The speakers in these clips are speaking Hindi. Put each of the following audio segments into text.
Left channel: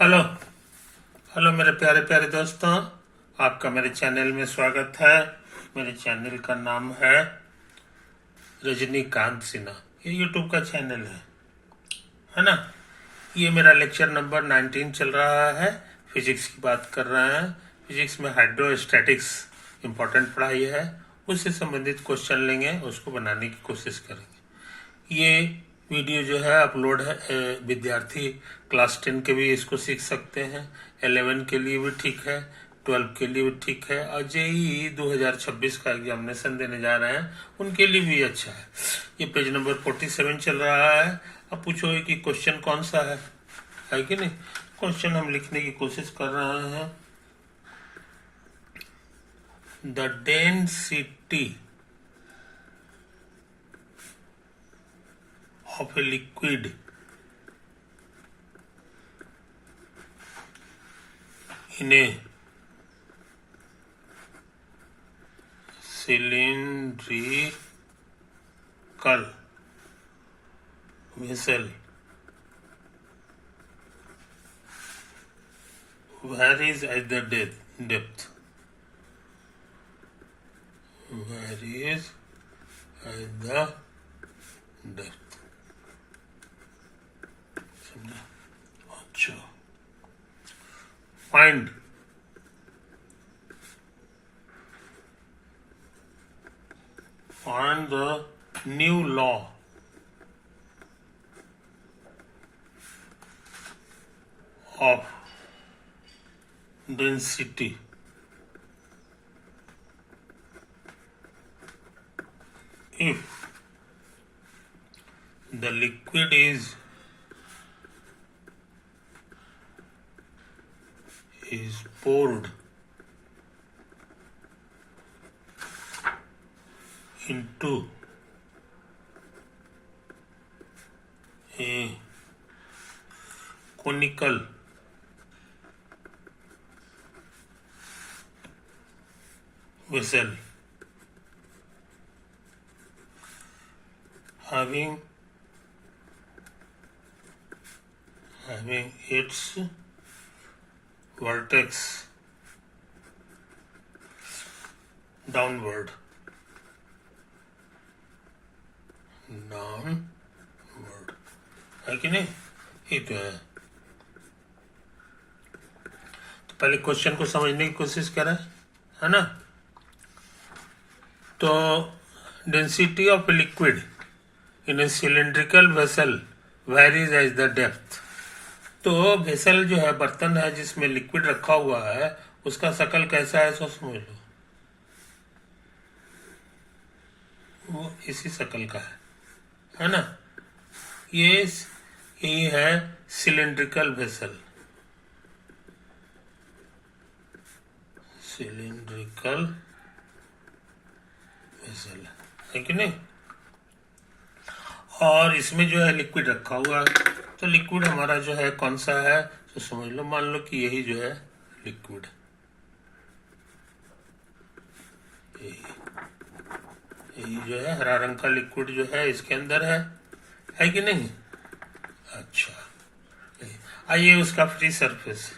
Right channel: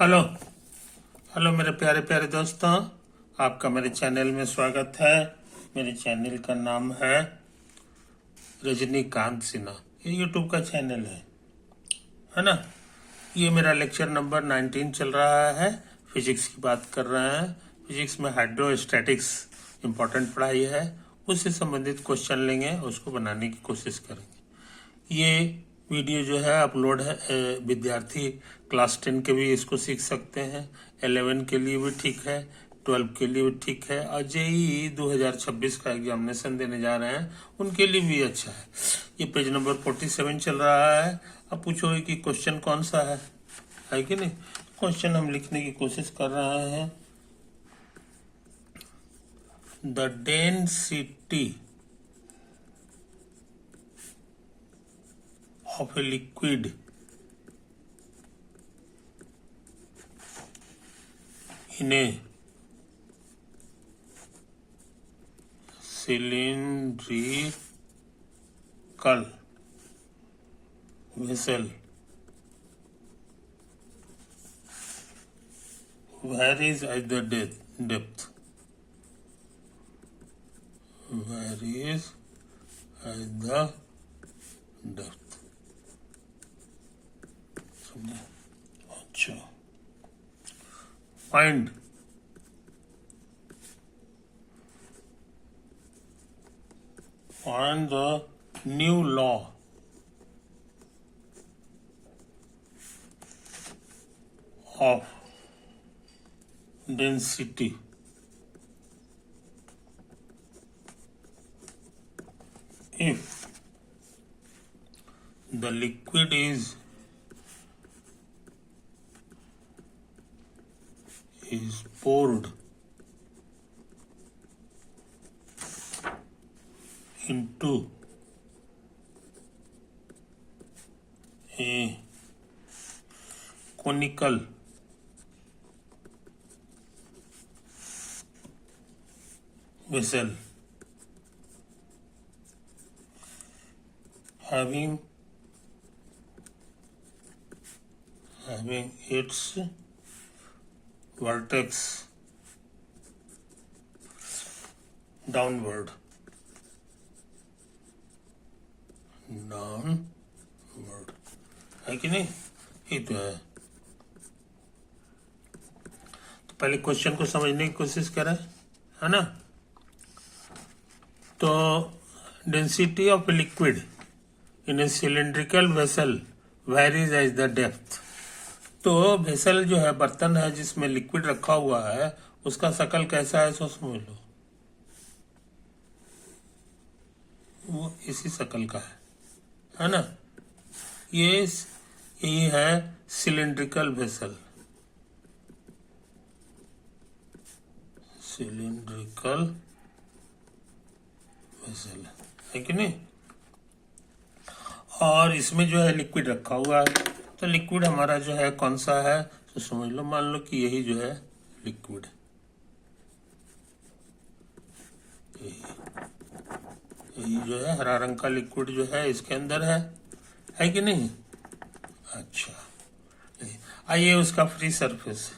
हेलो हेलो मेरे प्यारे प्यारे दोस्तों, आपका मेरे चैनल में स्वागत है। मेरे चैनल का नाम है रजनीकांत सिन्हा। ये यूट्यूब का चैनल है ना। ये मेरा लेक्चर नंबर 19 चल रहा है। फिजिक्स की बात कर रहे हैं। फिजिक्स में हाइड्रोस्टैटिक्स इम्पोर्टेंट पढ़ाई है। उससे संबंधित क्वेश्चन लेंगे, उसको बनाने की कोशिश करेंगे। ये वीडियो जो है अपलोड है, विद्यार्थी क्लास 10 के भी इसको सीख सकते हैं। 11 के लिए भी ठीक है, 12 के लिए भी ठीक है, और जेई 2026 का एग्जामिनेशन देने जा रहे हैं उनके लिए भी अच्छा है। ये पेज नंबर 47 चल रहा है। अब पूछोगे कि क्वेश्चन कौन सा है कि नहीं। क्वेश्चन हम लिखने की कोशिश कर रहे हैं। The density of a liquid in a cylindrical vessel varies as the depth varies as the depth। अच्छा, find the new law of density if the liquid is poured into a conical vessel having its vertex downward है कि नहीं। ये तो है। तो पहले क्वेश्चन को समझने की कोशिश करें, है ना। तो density of liquid in a cylindrical vessel varies as the depth. तो वेसल जो है, बर्तन है जिसमें लिक्विड रखा हुआ है, उसका शकल कैसा है सो समझ लो। वो इसी शकल का है ना। यही है सिलेंड्रिकल वेसल। सिलेंड्रिकल वेसल है कि नहीं। और इसमें जो है लिक्विड रखा हुआ है। तो लिक्विड हमारा जो है कौन सा है तो समझ लो, मान लो कि यही जो है लिक्विड, यही जो है हरा रंग का लिक्विड जो है इसके अंदर है कि नहीं। अच्छा, आइए उसका free surface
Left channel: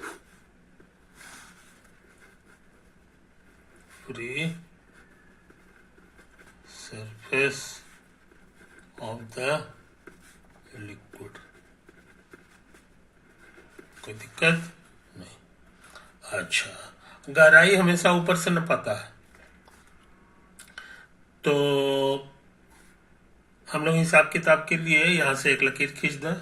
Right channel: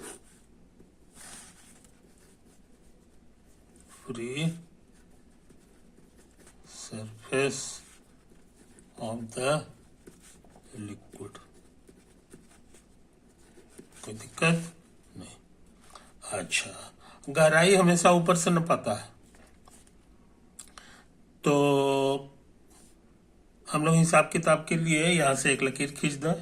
of the liquid, कोई दिक्कत नहीं। अच्छा, गहराई हमेशा ऊपर से न पता है, तो हम लोग हिसाब किताब के लिए यहां से एक लकीर खींच दें।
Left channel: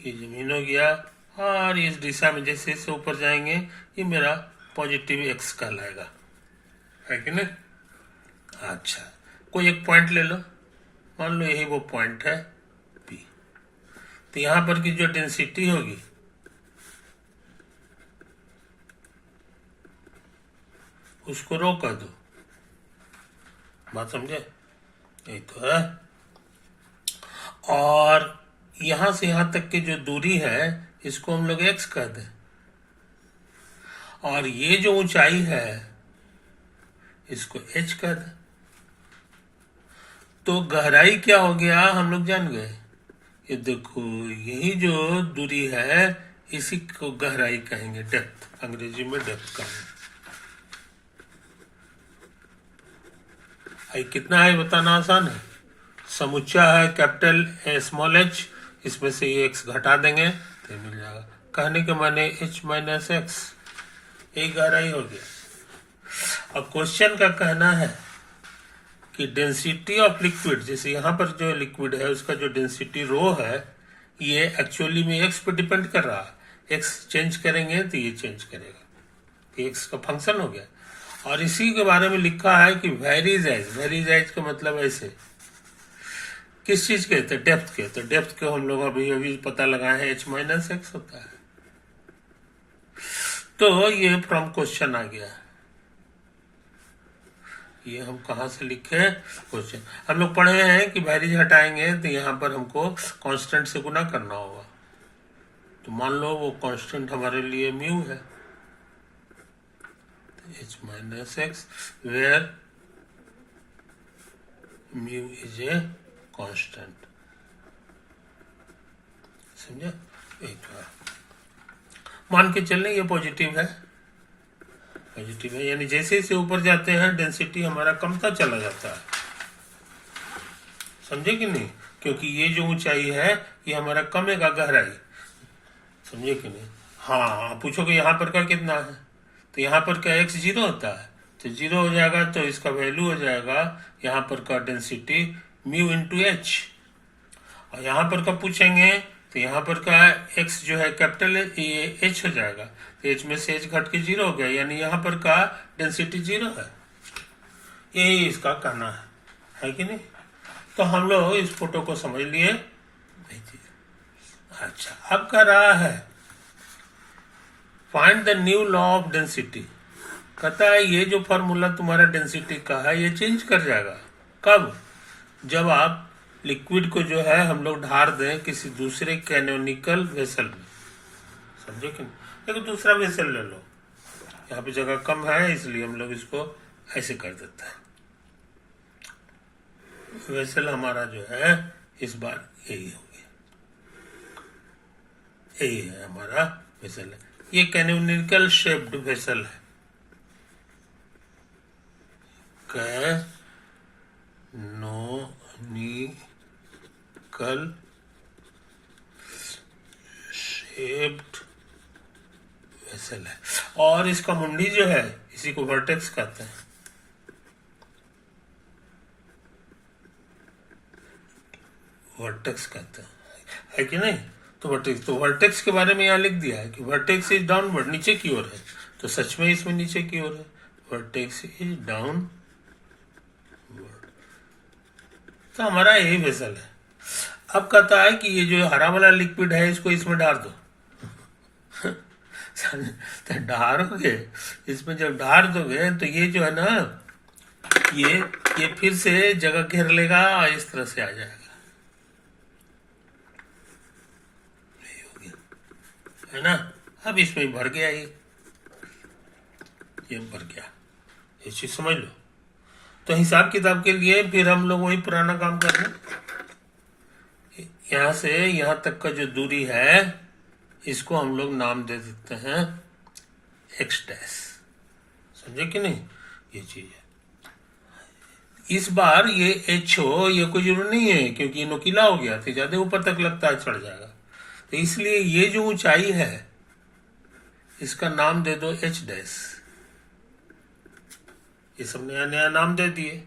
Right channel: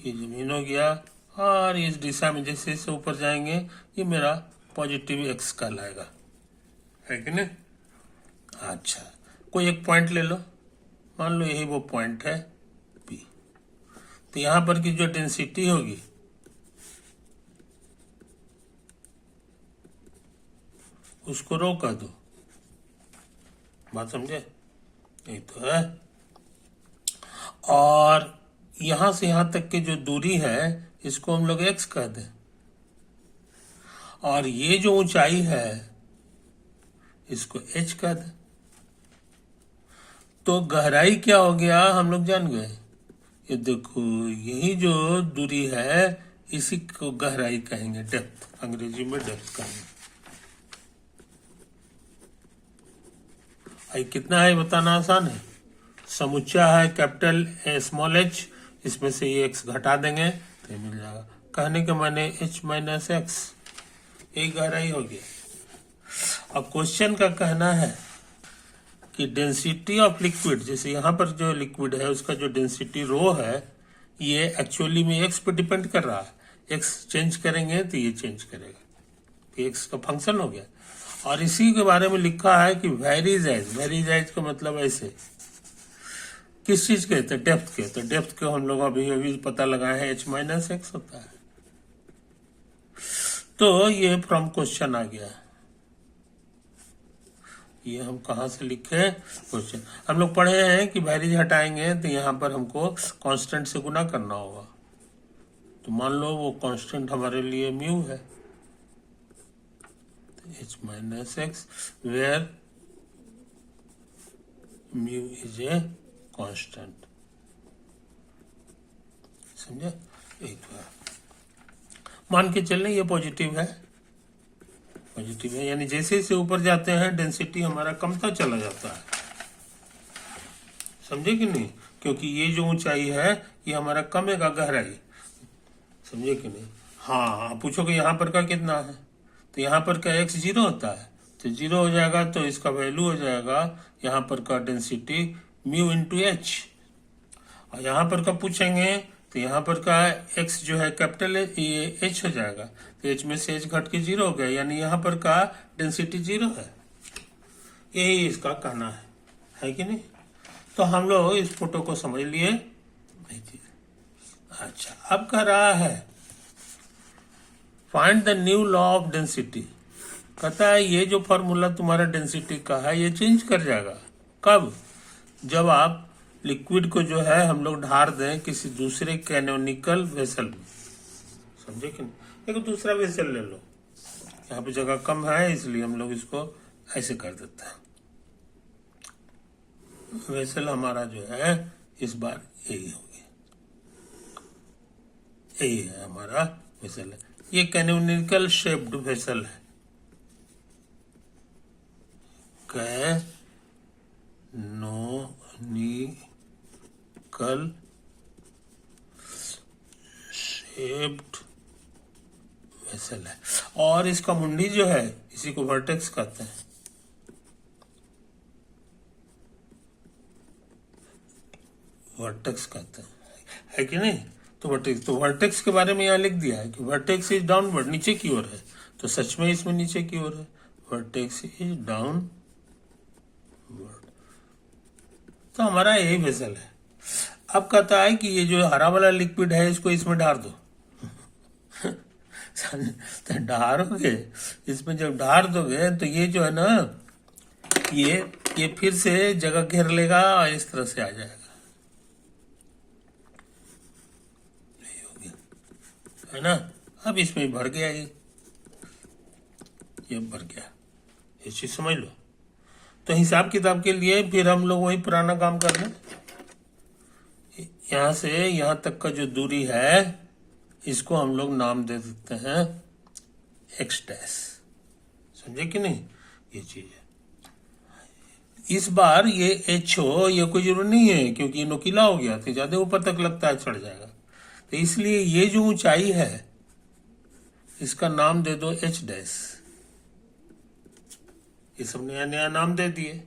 ये जमीन हो गया, और इस दिशा में जैसे जैसे ऊपर जाएंगे ये मेरा पॉजिटिव एक्स कहलाएगा, है कि नहीं। अच्छा, कोई एक पॉइंट ले लो, मान लो यही वो पॉइंट है P। तो यहां पर की जो डेंसिटी होगी उसको रो कर दो। बात समझे, यही तो है। और यहां से यहां तक की जो दूरी है इसको हम लोग एक्स कह दें, और ये जो ऊंचाई है इसको एच कह दें। तो गहराई क्या हो गया हम लोग जान गए, ये देखो, यही जो दूरी है इसी को गहराई कहेंगे, डेप्थ, अंग्रेजी में डेप्थ कहेंगे। आई कितना है बताना आसान है। समुच्चा है कैपिटल स्मॉल एच, इसमें से ये एक्स घटा देंगे तो मिल जाएगा। कहने के माने एच माइनस एक्स, यही गहराई हो गया। अब क्वेश्चन का कहना है कि डेंसिटी ऑफ लिक्विड, जैसे यहाँ पर जो लिक्विड है उसका जो डेंसिटी रो है ये एक्चुअली में एक्स पे डिपेंड कर रहा है। एक्स चेंज करेंगे तो ये चेंज करेगा, तो एक्स का फंक्शन हो गया। और इसी के बारे में लिखा है कि वेरीज एज का मतलब ऐसे किस चीज के, तो डेप्थ के। तो डेप्थ के हम लोग अभी अभी पता लगाए हैं एच माइनस एक्स होता है। तो ये फ्रॉम क्वेश्चन आ गया। ये हम कहा से लिखे क्वेश्चन, हम लोग पढ़े हैं कि वेरीज हटाएंगे तो यहाँ पर हमको कांस्टेंट से गुना करना होगा। तो मान लो वो कांस्टेंट हमारे लिए म्यू है, H minus X where mu is a constant. समझे? एक बार मान के चलें ये पॉजिटिव है, पॉजिटिव है, यानी जैसे जैसे ऊपर जाते हैं डेंसिटी हमारा कमता चला जाता है। समझे कि नहीं? क्योंकि ये जो ऊंचाई है ये हमारा कमेगा गहराई। समझे कि नहीं? हाँ, पूछोगे यहाँ पर का कितना है, तो यहाँ पर का एक्स जीरो होता है, तो जीरो हो जाएगा तो इसका वैल्यू हो जाएगा यहाँ पर का डेंसिटी म्यू इंटू एच। और यहाँ पर का पूछेंगे तो यहाँ पर का एक्स जो है कैपिटल ये एच हो जाएगा, तो एच में से एच घट के जीरो हो गया, यानी यहाँ पर का डेंसिटी जीरो है। यही इसका कहना है कि नहीं? तो हम लोग इस फोटो को समझ लिए। अच्छा, अब कह रहा है find the new law of density. कहता है ये जो फॉर्मूला तुम्हारा डेंसिटी का है ये चेंज कर जाएगा। कब? जब आप लिक्विड को जो है हम लोग ढार दें किसी दूसरे कैनोनिकल वेसल में। समझे कि नहीं? एक दूसरा वेसल ले लो, यहाँ पे जगह कम है इसलिए हम लोग इसको ऐसे कर देते हैं। वेसल हमारा जो है इस बार यही होगी, यही है हमारा वेसल है। ये कैनोनिकल शेप्ड वेसल है, कैनोनिकल शेप्ड वेसल है। और इसका मुंडी जो है इसी को वर्टेक्स कहते हैं। वर्टेक्स कहते हैं, है कि नहीं? तो वर्टेक्स के बारे में यहाँ लिख दिया है कि वर्टेक्स इज डाउनवर्ड, नीचे की ओर है, तो सच में इसमें नीचे की ओर है। वर्टेक्स इज डाउनवर्ड, तो हमारा यही वेसल है। अब कहता है कि ये जो हरा वाला लिक्विड है इसको इसमें डाल दो। तो डालोगे, इसमें जब डाल दोगे तो ये जो है ना ये फिर से जगह घेर लेगा और इस तरह से आ जाएगा। है ना? अब इसमें भर गया, ये भर गया, ये चीज समझ लो। तो हिसाब किताब के लिए फिर हम लोग वही पुराना काम कर रहे हैं। यहां से यहां तक का जो दूरी है इसको हम लोग नाम दे देते हैं एक्स डैश। समझे कि नहीं? ये चीज है। इस बार ये एच हो ये कोई जरूर नहीं है क्योंकि ये नुकीला हो गया तो ज्यादा ऊपर तक लगता है चढ़ जाएगा, तो इसलिए ये जो ऊंचाई है इसका नाम दे दो एच डैश। ये सब नया नया नाम दे दिए,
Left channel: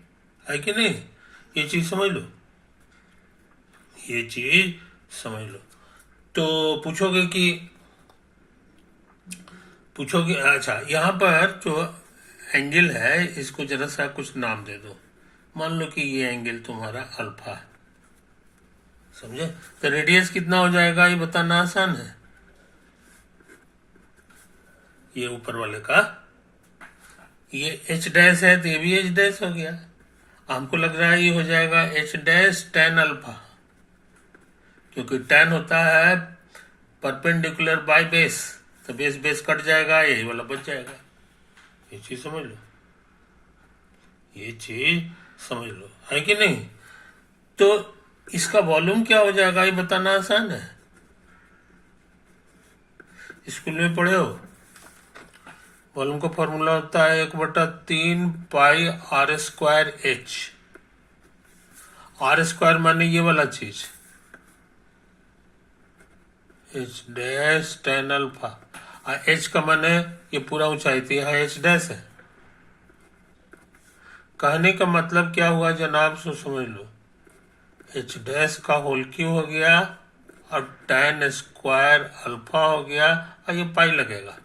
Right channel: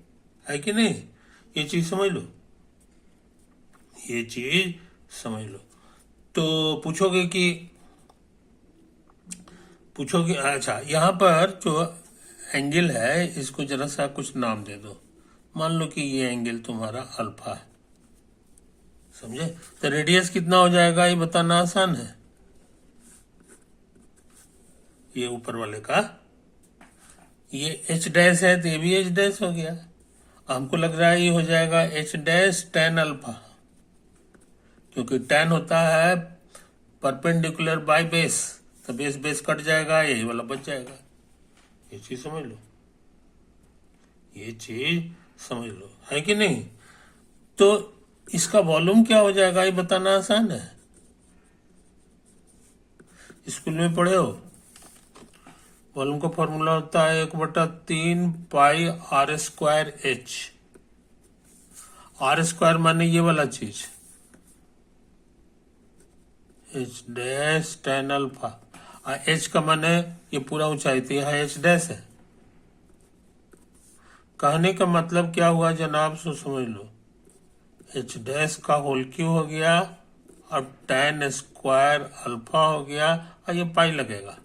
है कि नहीं? ये चीज समझ लो, ये चीज समझ लो। तो पूछोगे अच्छा यहाँ पर जो एंगल है इसको जरा सा कुछ नाम दे दो। मान लो कि ये एंगल तुम्हारा अल्फा है। समझे? तो रेडियस कितना हो जाएगा ये बताना आसान है। ये ऊपर वाले का ये एच डैश है तो ये भी एच डैश हो गया। हमको लग रहा है ये हो जाएगा एच डैश टेन अल्फा, क्योंकि टेन होता है परपेंडिकुलर बाय बेस, तो बेस बेस कट जाएगा, यही वाला बच जाएगा। ये चीज समझ लो, ये चीज समझ लो, है कि नहीं? तो इसका वॉल्यूम क्या हो जाएगा ये बताना आसान है, स्कूल में पढ़े हो। वॉल्यूम का फॉर्मूला होता है 1/3 pi R square H. R square माने ये वाला चीज, H dash ten alpha. H का माने ये पूरा ऊंचाई थी, यहाँ एच डैश है। कहने का मतलब क्या हुआ जनाब, सो समझ लो, एच डैश का होल क्यू हो गया और टेन स्क्वायर अल्फा हो गया और ये पाई लगेगा,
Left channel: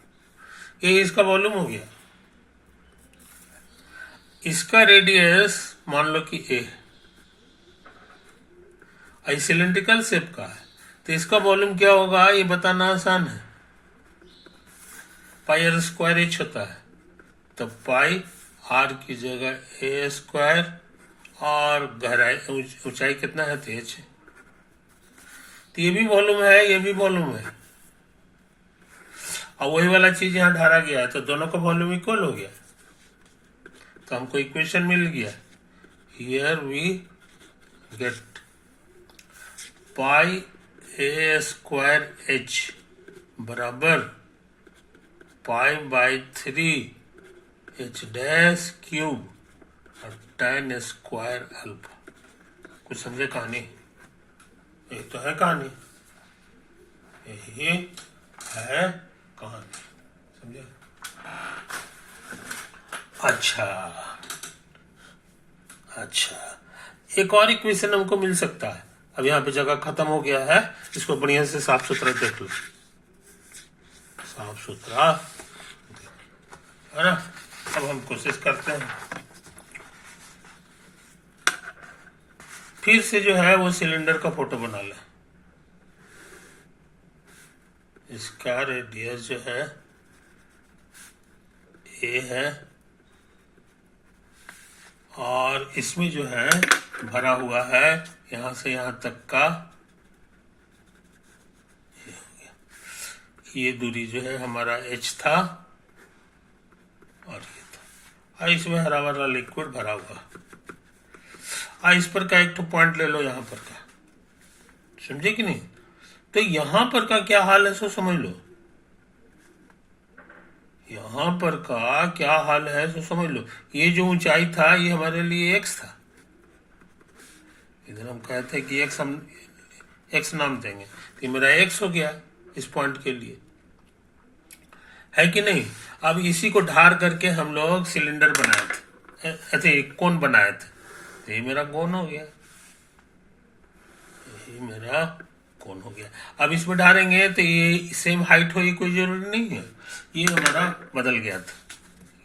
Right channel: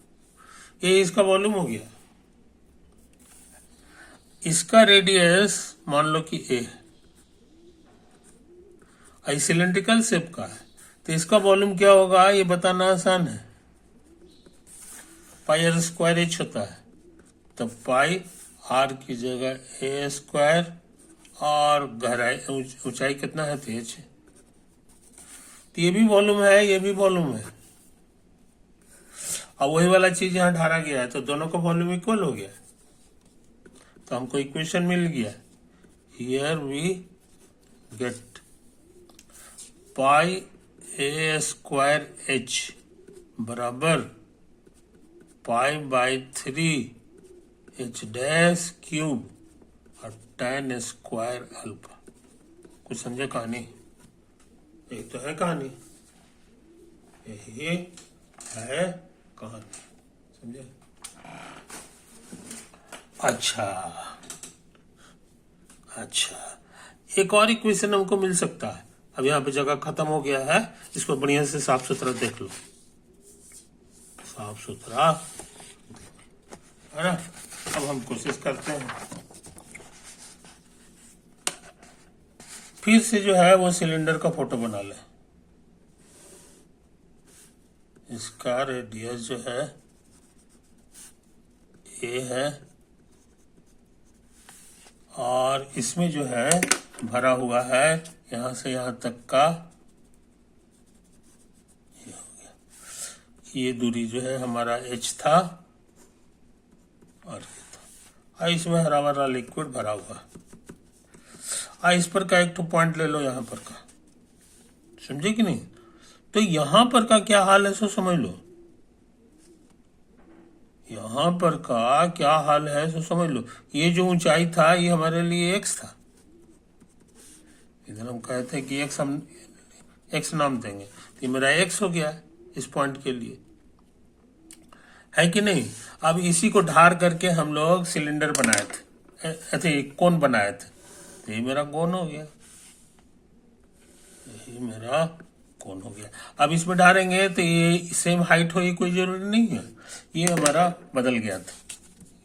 ये इसका वॉल्यूम हो गया। इसका रेडियस मान लो कि ए है, सिलेंड्रिकल शेप का है, तो इसका वॉल्यूम क्या होगा ये बताना आसान है। पाई आर स्क्वायर एच होता है, तो पाई आर की जगह ए स्क्वायर और गहराई ऊंचाई कितना है, तो एच है। तो ये भी वॉल्यूम है, ये भी वॉल्यूम है, और वही वाला चीज यहाँ ढारा गया है, तो दोनों का वॉल्यूम इक्वल हो गया, तो हमको इक्वेशन मिल गया। Here we get pi A square H बराबर pi by 3 H dash cube और टेन स्क्वायर अल्फा। कुछ समझे कहानी? ये तो है कहानी, यही है कहानी, समझे? अच्छा, एक और इक्वेशन हमको मिल सकता है। अब यहाँ पे जगह खत्म हो गया है, इसको बढ़िया से साफ सुथरा देख लो, साफ सुथरा है ना। अब हम कोशिश करते हैं, फिर से जो है वो सिलेंडर का फोटो बना लें। इसका रेडियस जो है ए है, और इसमें जो है भरा हुआ है यहां से यहां तक का, ये हो गया। ये दूरी जो है हमारा एच था और ये था, और इसमें हरा भरा लिक्विड भरा हुआ। इस पर का एक तो पॉइंट ले लो यहां पर का, समझे कि नहीं? तो यहां पर का क्या हाल है सो समझ लो, यहां पर का क्या हाल है सो समझ लो। ये जो ऊंचाई था ये हमारे लिए एक्स था, इधर हम कहते हैं कि एक्स, हम एक्स नाम देंगे, तो ये मेरा एक्स हो गया इस पॉइंट के लिए, है कि नहीं? अब इसी को ढार करके हम लोग सिलेंडर बनाए थे, ऐसे कोन बनाए थे, तो ये मेरा कोन हो गया, ये मेरा कोन हो गया। अब इसमें ढारेंगे तो ये सेम हाइट हो, ये कोई जरूरी नहीं है, ये हमारा बदल गया था,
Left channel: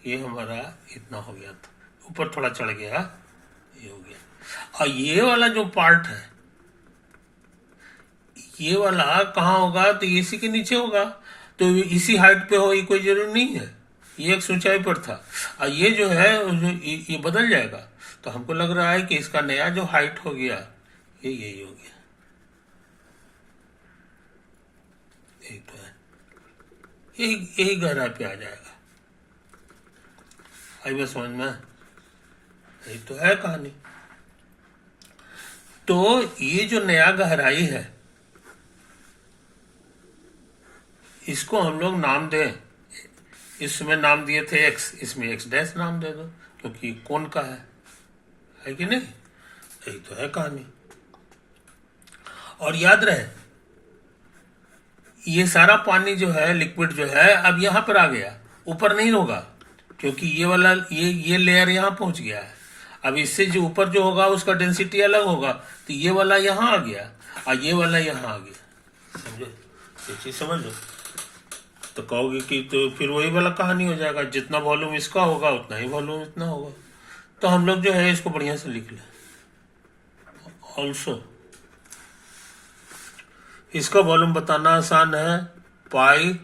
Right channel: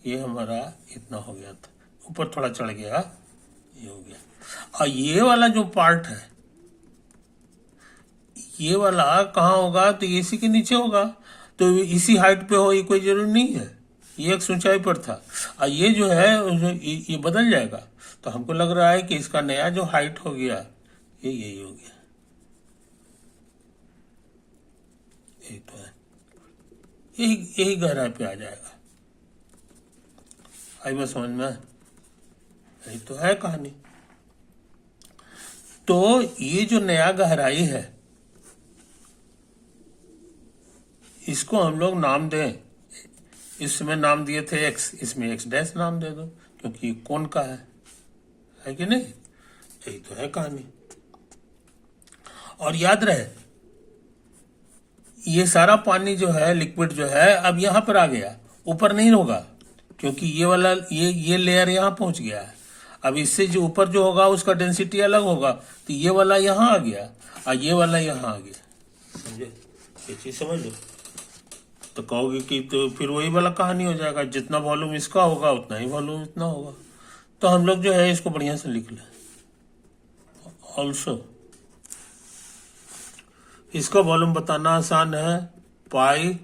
ये हमारा इतना हो गया था, ऊपर थोड़ा चढ़ गया, ये हो गया। और ये वाला जो पार्ट है, ये वाला कहाँ होगा, तो इसी के नीचे होगा, तो इसी हाइट पे हो, ये कोई जरूरी नहीं है, ये एक ऊंचाई पर था, और ये जो है ये बदल जाएगा। तो हमको लग रहा है कि इसका नया जो हाइट हो गया ये यही हो गया, यही तो है, यही गहराई पे आ जाएगा। आई बात समझ में? यही तो है कहानी। तो ये जो नया गहराई है इसको हम लोग नाम दें, इसमें नाम दिए थे एक्स, इसमें एक्स डैश नाम दे दो, क्योंकि कोन का है कि नहीं? यही तो है कहानी। और याद रहे ये सारा पानी जो है, लिक्विड जो है, अब यहां पर आ गया, ऊपर नहीं होगा, क्योंकि ये वाला ये लेयर यहां पहुंच गया है। अब इससे जो ऊपर जो होगा उसका डेंसिटी अलग होगा, तो ये वाला यहां आ गया और ये वाला यहां आ गया, समझे? ये चीज समझ लो। तो कहोगे कि तो फिर वही वाला कहानी हो जाएगा, जितना वॉल्यूम इसका होगा उतना ही वॉल्यूम इतना होगा। तो हम लोग जो है इसको बढ़िया से लिख लें। ऑल्सो इसका वॉल्यूम बताना आसान है, पाई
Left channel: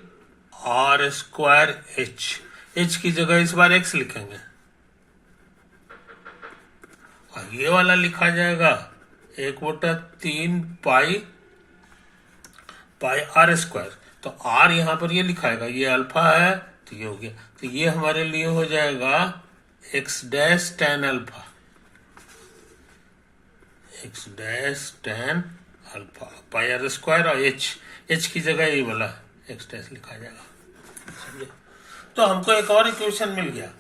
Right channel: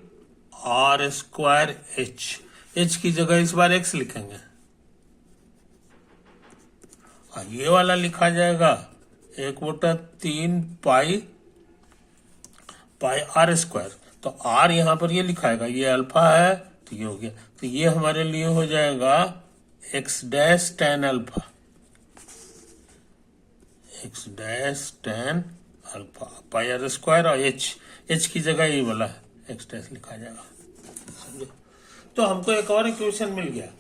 आर स्क्वायर एच, एच की जगह इस बार एक्स लिखेंगे, और ये वाला लिखा जाएगा 1/3 पाई आर स्क्वायर। तो आर यहां पर ये लिखाएगा, ये अल्फा है तो ये हो गया, तो ये हमारे लिए हो जाएगा X dash ten alpha, X dash ten alpha pi R square और एच की जगह ये वाला एक्स डैश लिखा जाएगा, समझे। तो हमको एक और इक्वेशन मिल गया,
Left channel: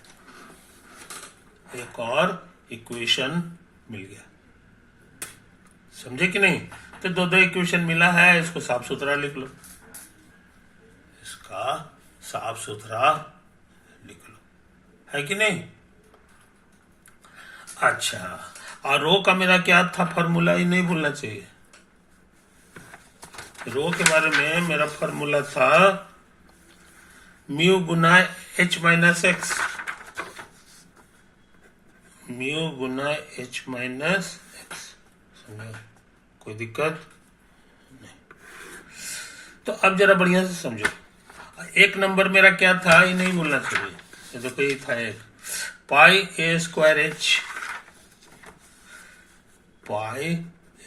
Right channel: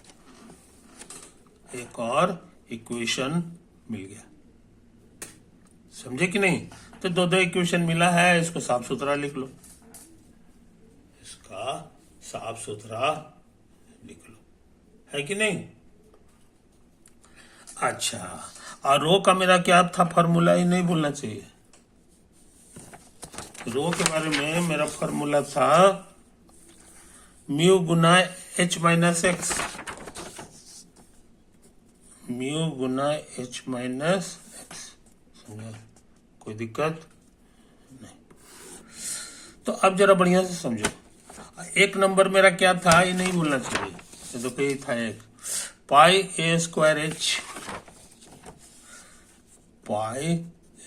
एक और इक्वेशन मिल गया, समझे कि नहीं। तो दो इक्वेशन मिला है, इसको साफ सुथरा लिख लो, इसका साफ सुथरा लिख लो, है कि नहीं। अच्छा, और रो का मेरा क्या था फॉर्मूला, ही नहीं भूलना चाहिए। रो के बारे में मेरा फॉर्मूला था म्यू गुना एच माइनस एक्स, म्यू गुना एच माइनस एक्स, समझो, कोई दिक्कत नहीं। तो अब जरा बढ़िया से समझो, एक नंबर मेरा क्या था ये नहीं भूलना चाहिए, ये देखो ये था एक पाई A square H, pi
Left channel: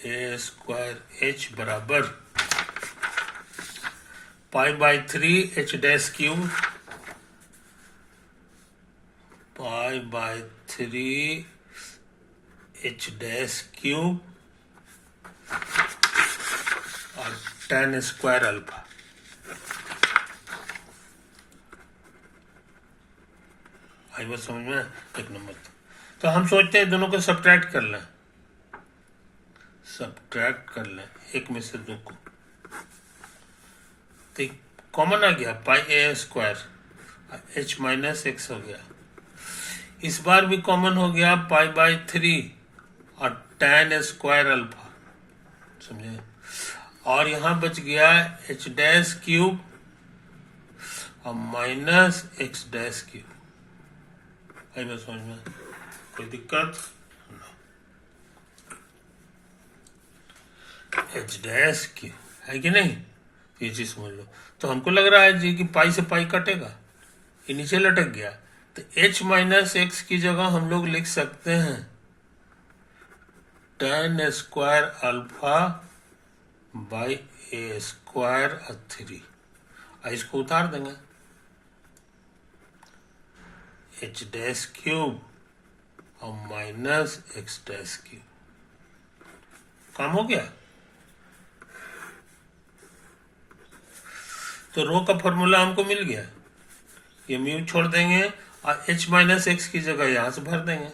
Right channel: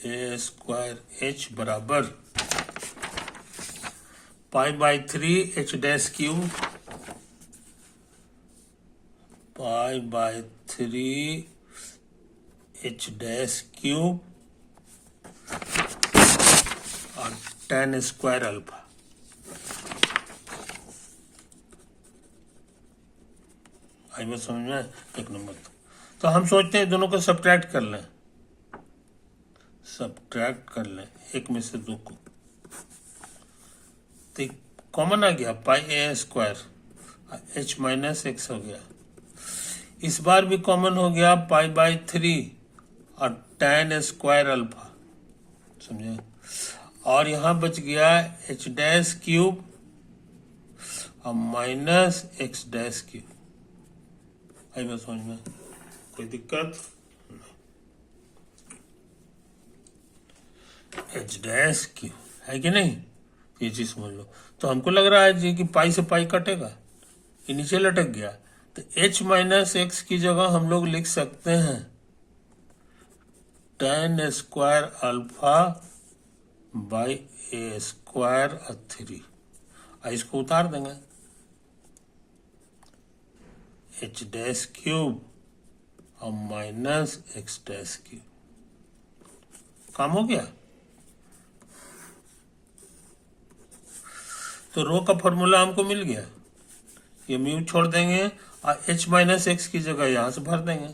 A square H बराबर pi by 3 H dash cube, pi by 3 H dash cube और टेन स्क्वायर अल्फा। आई बात समझ में, एक नंबर। तो हम सोचते हैं दोनों को सब्ट्रैक्ट कर लें, सब्ट्रैक्ट कर लें एक में से दो को, तो कॉमन आ गया पाई A square H minus x हो गया, इस बार भी कॉमन हो गया पाई बाई 3 और टेन स्क्वायर अल्फा, समझे। और यहां बच गया एच डैश क्यूब और माइनस एक्स डैश क्यूब। आई बात समझ में, कोई दिक्कत, एच डैश क्यूब है कि नहीं, ये चीज समझ लो। तो हमको लग रहा है जी कि पाई से पाई कटेगा, ये नीचे लटक गया, तो एच माइनस एक्स की जगह हम लोग लिख सकते हैं ten square alpha by A square 3, इसको उतार देंगे, एच डैश क्यूब और माइनस एक्स डैश क्यूब, काम हो गया। तो रो का फॉर्मूला हमको मिल गया, ये म्यू छोड़ देंगे और एच माइनस एक्स की जगह यहां से भर देंगे,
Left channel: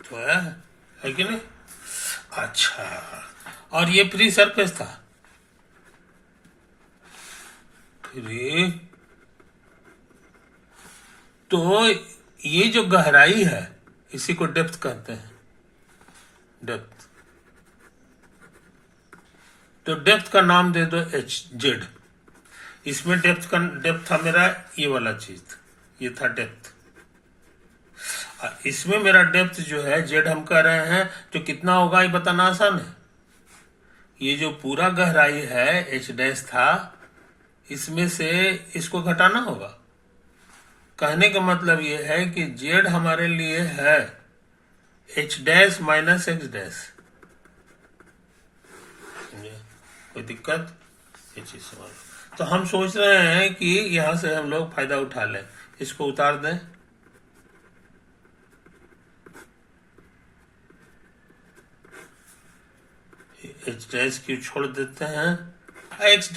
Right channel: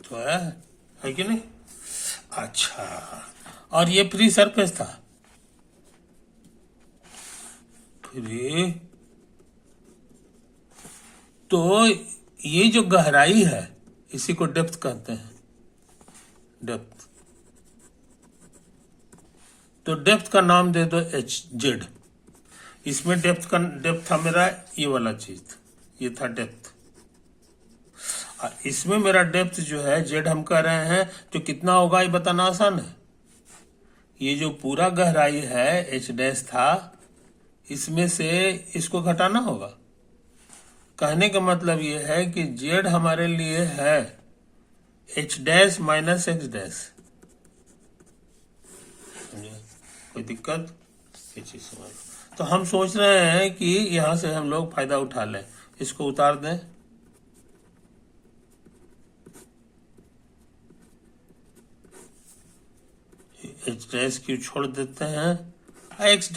तो है कि नहीं। अच्छा, और ये फ्री सरफेस था, फ्री, तो ये जो गहराई है इसी को डेप्थ कहते हैं, डेप्थ। तो डेप्थ का नाम दे दो एच जेड, इसमें डेप्थ था मेरा ये वाला चीज, ये था डेप्थ, और इसमें मेरा डेप्थ जो है जेड हम कह रहे हैं, तो कितना होगा ये बताना आसान है। ये जो पूरा गहराई है एच डैश था, इसमें से इसको घटाना होगा। कहने का मतलब ये है कि जेड हमारे लिए है H dash minus x dash, कोई दिक्कत, ये चीज समझ। तो हम सोच रहे हैं कि यहां से हम लोग फायदा उठा लें, इसको उतार दें, एच डैश क्यू छोड़ देते हैं, एक्स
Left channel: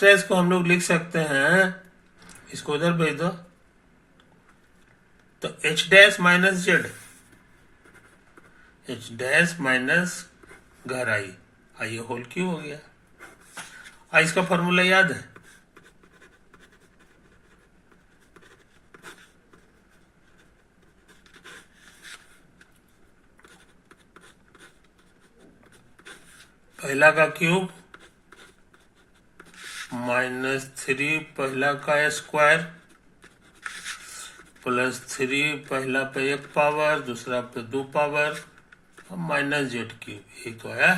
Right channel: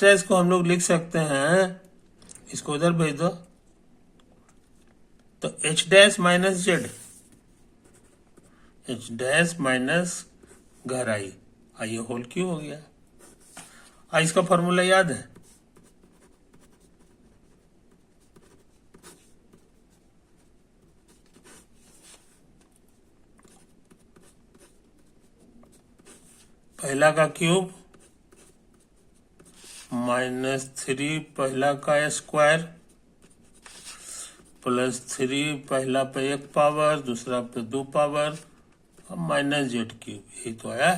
डैश को हम लोग लिख सकते हैं, इसको उधर भेज दो, तो H dash minus Z, H dash minus गहराई, आइए होल क्यू हो गया। इसका फॉर्मूला याद है, पहला का क्यूब -3 पहला का स्क्वायर +3 पहला पे 1 पावर दूसरा पे 2 पावर और माइनस जेड क्यूब, ये तो आया।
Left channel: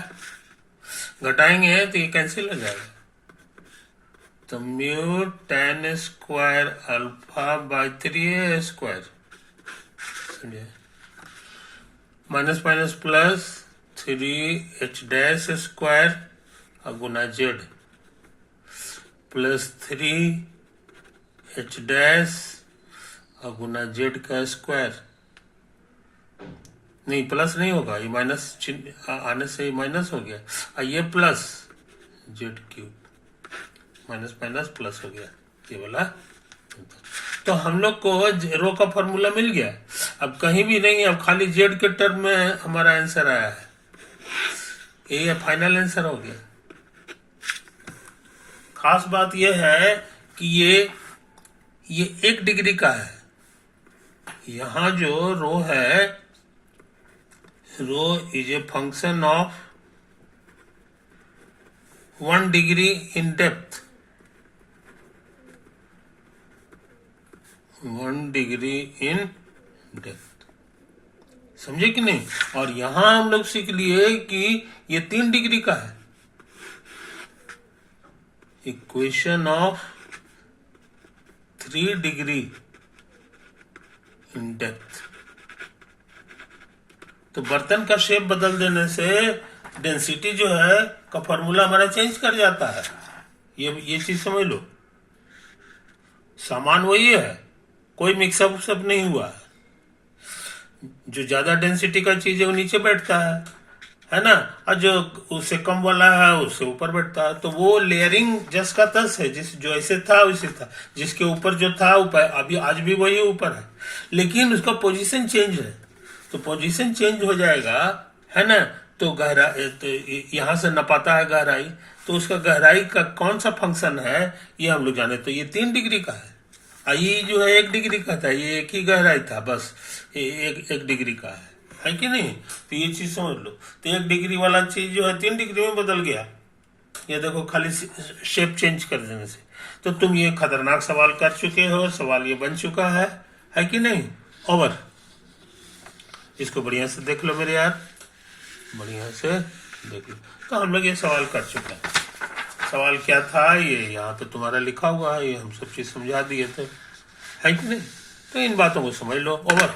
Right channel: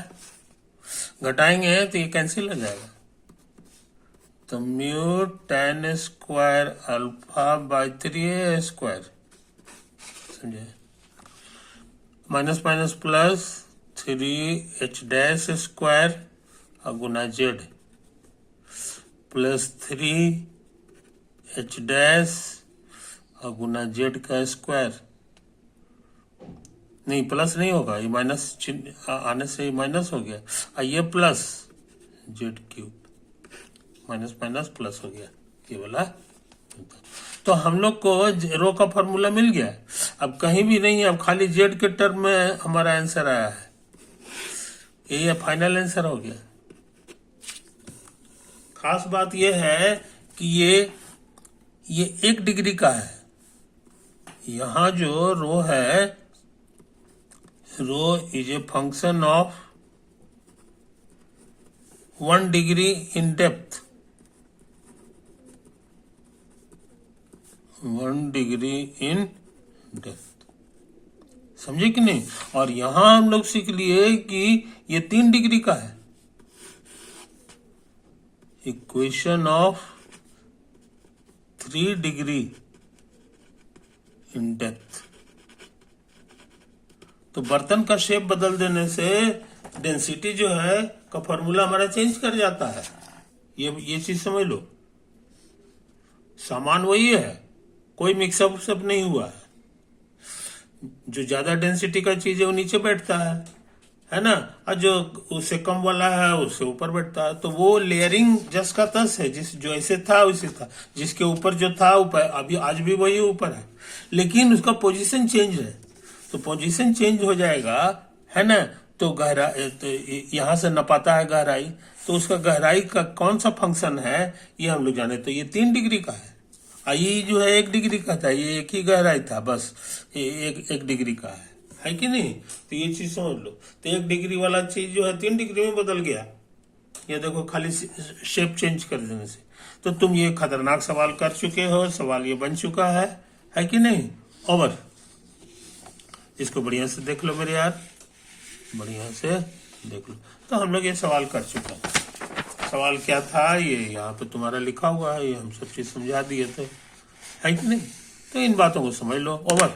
घटाएंगे तो ये कैंसिल हो जाएगा, तो mu ten square alpha by 3 square, समझे, minus minus plus 3h dash square गुना जेड प्लस 3h डैश गुना जेड का स्क्वायर। नहीं, प्लस नहीं होगा, ये माइनस चिन्ह आने से माइनस हो गया, और ये plus Z cube, minus minus plus हो गया, ये वाला। तो हम लोग को रो का फॉर्मूला मिल गया। अब कहीं भी नहीं है, अब खाली जेड के टर्म में हमारा आंसर आया है, ये फाइनल आंसर हो गया। खास बात यह है कि ये 1 डिग्री का है। यहां जो रो है, rho is a function of 1 degree in depth, 1 degree in depth, समझे कि नहीं। और यहां हम लोग सीख लिए कि ये 3 डिग्री का है। Equation of 3 degree in depth. तो बर्तन का शेप बदल देने से डेंसिटी जो है का फॉर्मूला हमारा चेंज कर जाता है। ये चीज समझ लो, सामान वही है, कोई मिक्सअप सब नहीं हुआ है। जो ज्यादा डेंसिटी का चीज है वो नीचे बैठता है ना, और जो उससे कम वाला है उससे ऊपर बैठता है। तो वो लेयरिंग जस का तस है, जो ऐसे था वैसे था, जिसके ऊपर जो था ऊपर, अभी आज भी वही ऊपर है, लेकिन उसका पोजीशन चेंज है। तो पोजीशन चेंज हो जाएगा, है ना। तो गहराई, तो यहाँ से नपाता है गहराई, तो उसका गहराई का कौन सा फंक्शन है ये हम लोग जाने। तो ये 3 डिग्री का है, ये जो है 1 डिग्री का था, ये एक ही गहराई था, बस ये एक डिग्री का है कि नहीं। तो ये चीज समझ लो। तो 1 डिग्री वाला चीज जो है 3 डिग्री में बदल गया, ये देखो, खाली शेप चेंज कर देने से। तो तुम ये खतरनाक सवाल कर चुके हो, सवाल ये बन चुका है कि नहीं। ओवर। इसको बढ़िया से देख लो मेरे यार, बढ़िया से देख लो। तो हम लोग ये सवाल कर चुके हैं। सवाल क्या था, ये यहाँ पे तुम्हारा लिखा हुआ है, ये हम सब चीज समझा दिए थे, है कि नहीं। तो इन बातों को समझ लो। ओवर।